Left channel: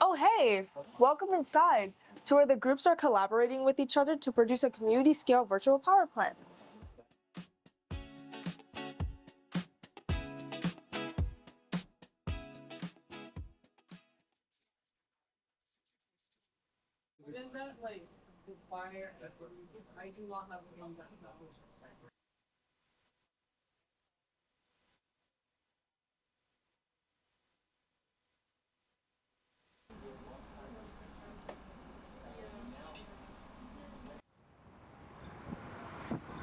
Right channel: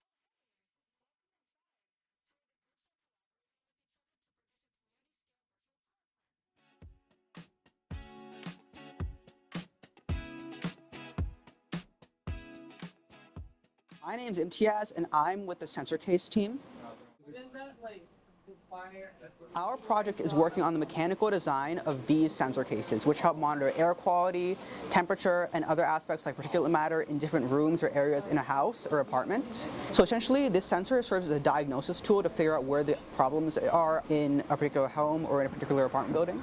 Oh hey, welcome inside to where the groups are collaborating with each other to produce a community-scale virtual power plant. My name's Imtiaz and I'm with the sensor case team. Our project is working on the mechanical design of these sensor cases, which help monitor air quality, temperature, and other aspects like particulate matter in different rooms or areas in a house or apartment. So essentially, this sensor serves as a diagnosis tool to figure out where the problems are in a particular home or in a particular apartment building.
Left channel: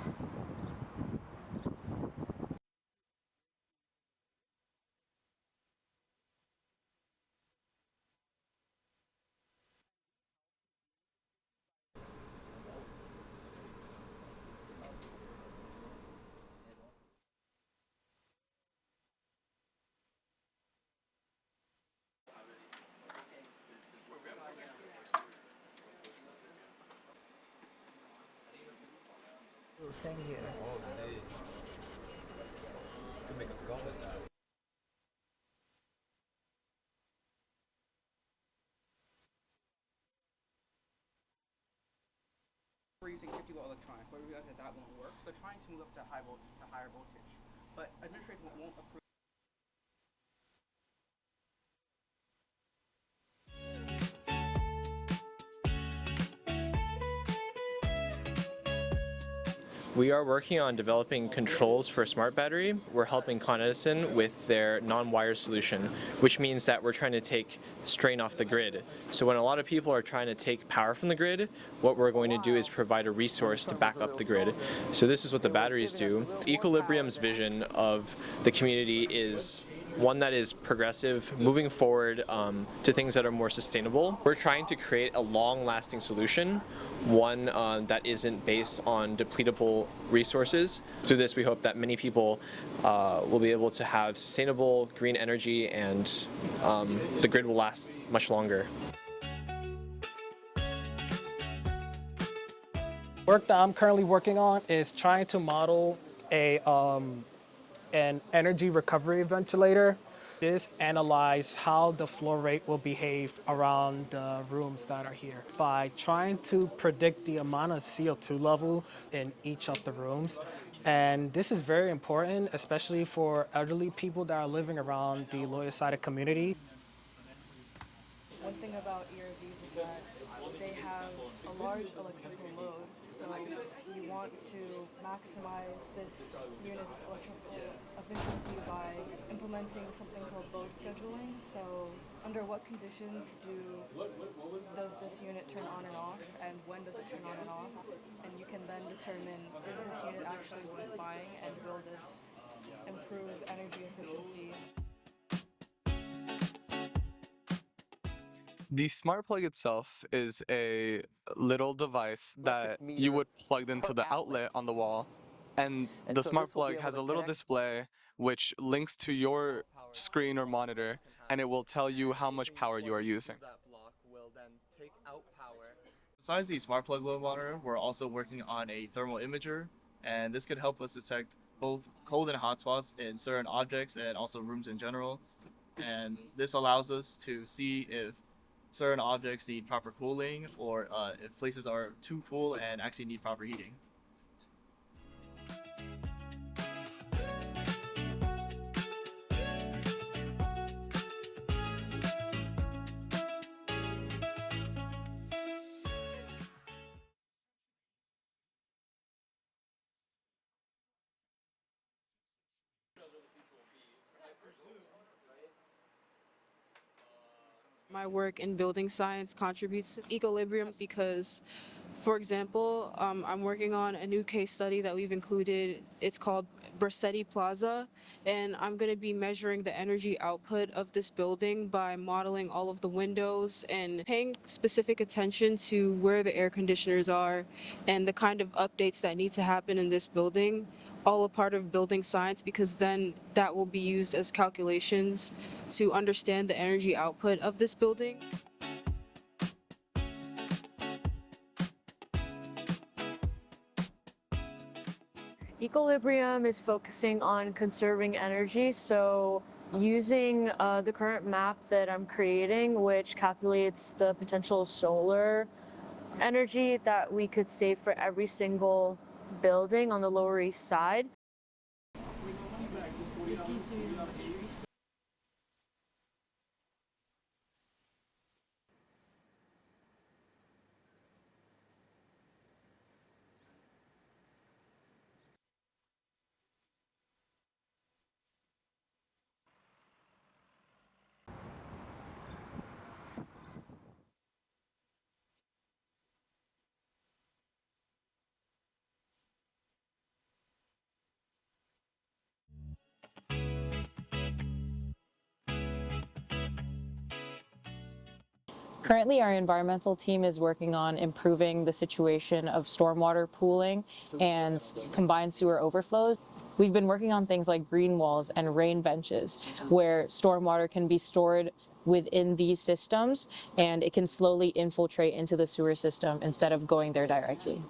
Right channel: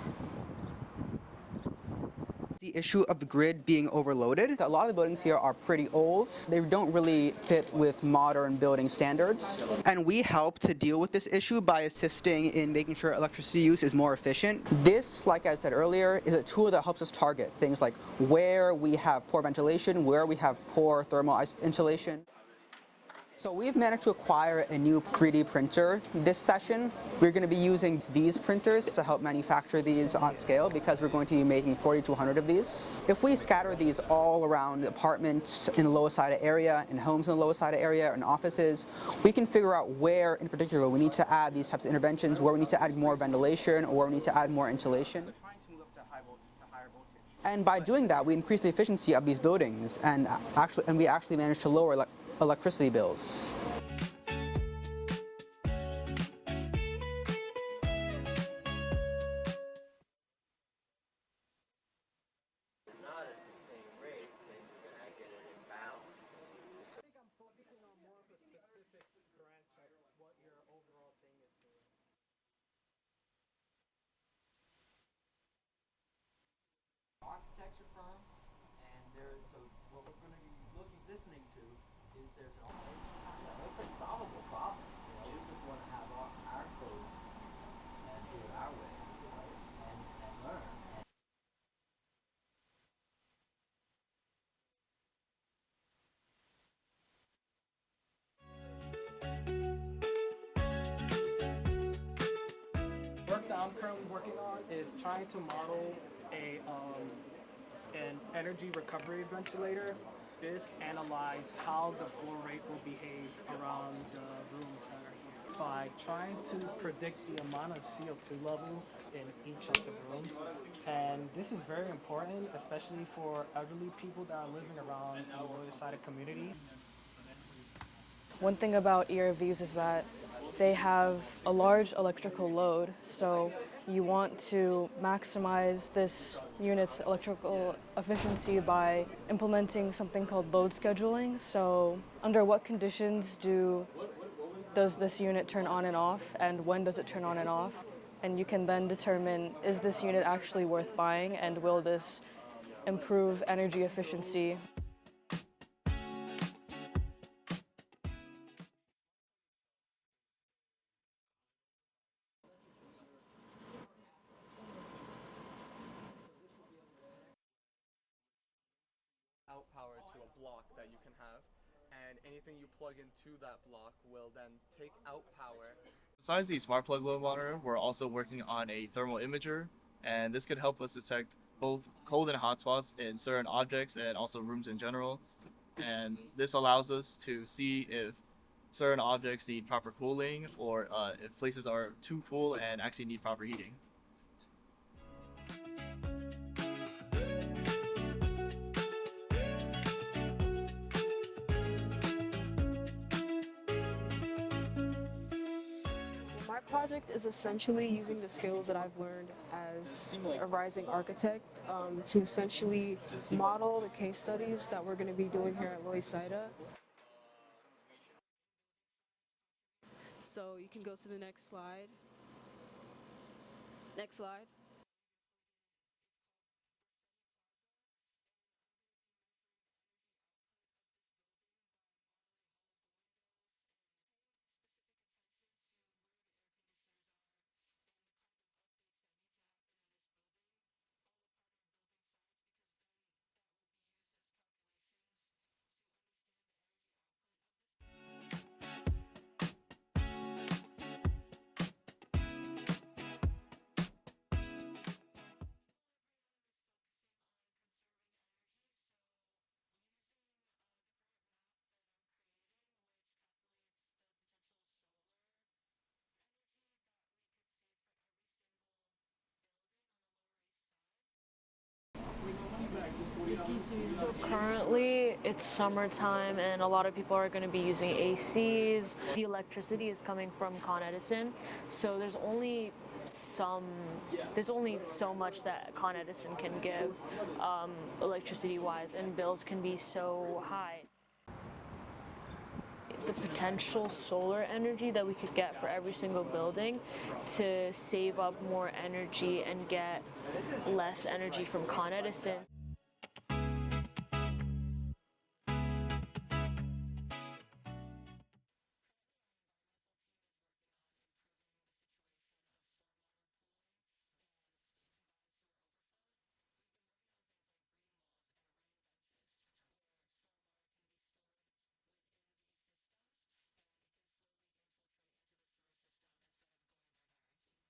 The issue of the grid being overloaded. A lot of the buildings here are pretty old. They don't really fit with modern building standards. And we help to deal with this issue by assisting in making sure electricity use is more efficient. This, like I said earlier, is a tool that helps us target things like where we have poor ventilation, where we have poor thermal insulation. So we've managed to acquire a new 3D printer this session. We're going to be using these printers to help manufacture these on scale because we're going to be making 40 to 100 of these. If we scatter these all around apartments in the Loisaida area, in homes in the Loisaida area, and offices, we can figure out where in particular we need to add these types of interventions, where we need to add more ventilation, or where we need to add more insulation. We're trying to move up to higher voltage. And by doing that, we increase the efficiency of these buildings, and we actually managed to lower electricity bills. We are working on developing controls for a smart battery. We're helping Con Edison with their non-wire solution, which means that we're trying to take strain off the grid. So when a lot of people are trying to take power from the grid, what we're going to do is provide a resource to back up the grid. So this is what the batteries do. Ecolibrium's vision of the community is one that is progressive, moving forward to things that are more sustainable. We're trying to create a long-lasting solution, one that isn't based on depletable resources. Through this, we hope that many people will be able to have sustainable green energy, and the grid will last much longer. Work that I'm currently working on is trying to model an energy recovery ventilator. This analyze how the flow rate will behave around the rooms that are here by trying to predict the amount of CO2 level in each of the rooms. And this is very important, especially for elderly people that are living around the Loisaida community. One thing about ERVs is that they have a large electrical load, so you want to maximize this unit's electrical efficiency by implementing something called load scheduling. So under what conditions does this unit turn on and off, and when does it turn on and off? And you can then determine, is this unit actually worth buying, and will this improve energy efficiency? The smart plug itself is a little device that you would plug into the outlet on the wall, and the smart plug has a little display which links to your screen or monitor, and it will tell you how much power you are using. Besides the smart plug load monitor, we're also working on a thermal imager, and this could help us detect both cold and hot spots in certain objects and also rooms in general. And this allows us to see if certain objects need proper cooling, or if places are too cool and actually need proper heating. My project is essentially using the skills that I've learned as a rising architect to essentially model the case studies that we're going to be doing here at Loisaida. My work in building science contributes to Ecolibrium because For example, I'm working on a new case study that we've included. It's called Bracetti Plaza, and I'm going to be measuring the energy output of this building by modeling all of the windows and paying specific attention to where the air conditioners are and the kind of updates that need to happen in this building, all a part of building science, because then that will be used as calculations to understand the energy output of this building. Ecolibrium is focusing on conserving energy, so using the current map that I'm creating, which calculates the potential solar energy that we could save for every single building on the Lower East Side. Currently, it's summertime and a lot of people are going to be using ACs. The electricity is coming from Con Edison, so there's only so much that Con Edison can give electricity-wise, and bills can be so high. The potential solar energy that we could get for every single building to save up more energy and get less energy from Con Edison. Currently, our environmental team is working on improving the situation of stormwater pooling and combined sewer overflows. We've been working on things like green walls and rain benches, where stormwater can be stored within these systems and it can slowly infiltrate into the sewer system instead of going there directly.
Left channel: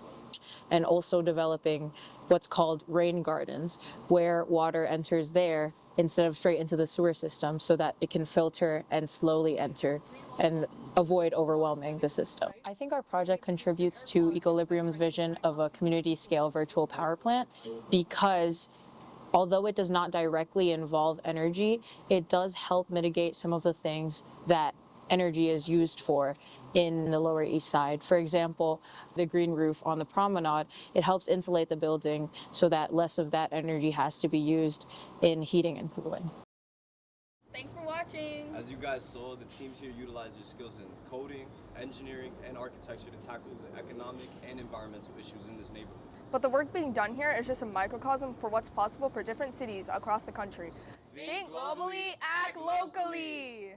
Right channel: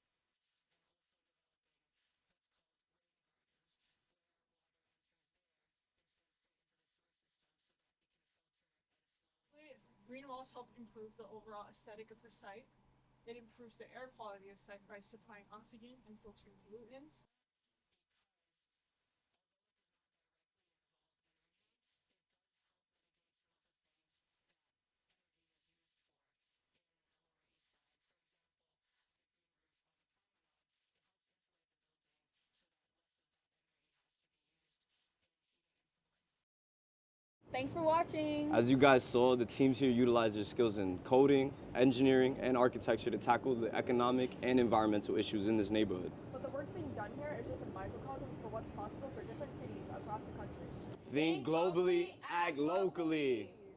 And also developing what's called rain gardens, where water enters there instead of straight into the sewer system, so that it can filter and slowly enter and avoid overwhelming the system. I think our project contributes to Ecolibrium's vision of a community-scale virtual power plant, because although it does not directly involve energy, it does help mitigate some of the things that energy is used for in the Lower East Side. For example, the green roof on the promenade, it helps insulate the building so that less of that energy has to be used in heating and cooling. Thanks for watching. As you guys saw, the teams here utilize their skills in coding, engineering, and architecture to tackle the economic and environmental issues in this neighborhood. But the work being done here is just a microcosm for what's possible for different cities across the country. Think globally, act locally.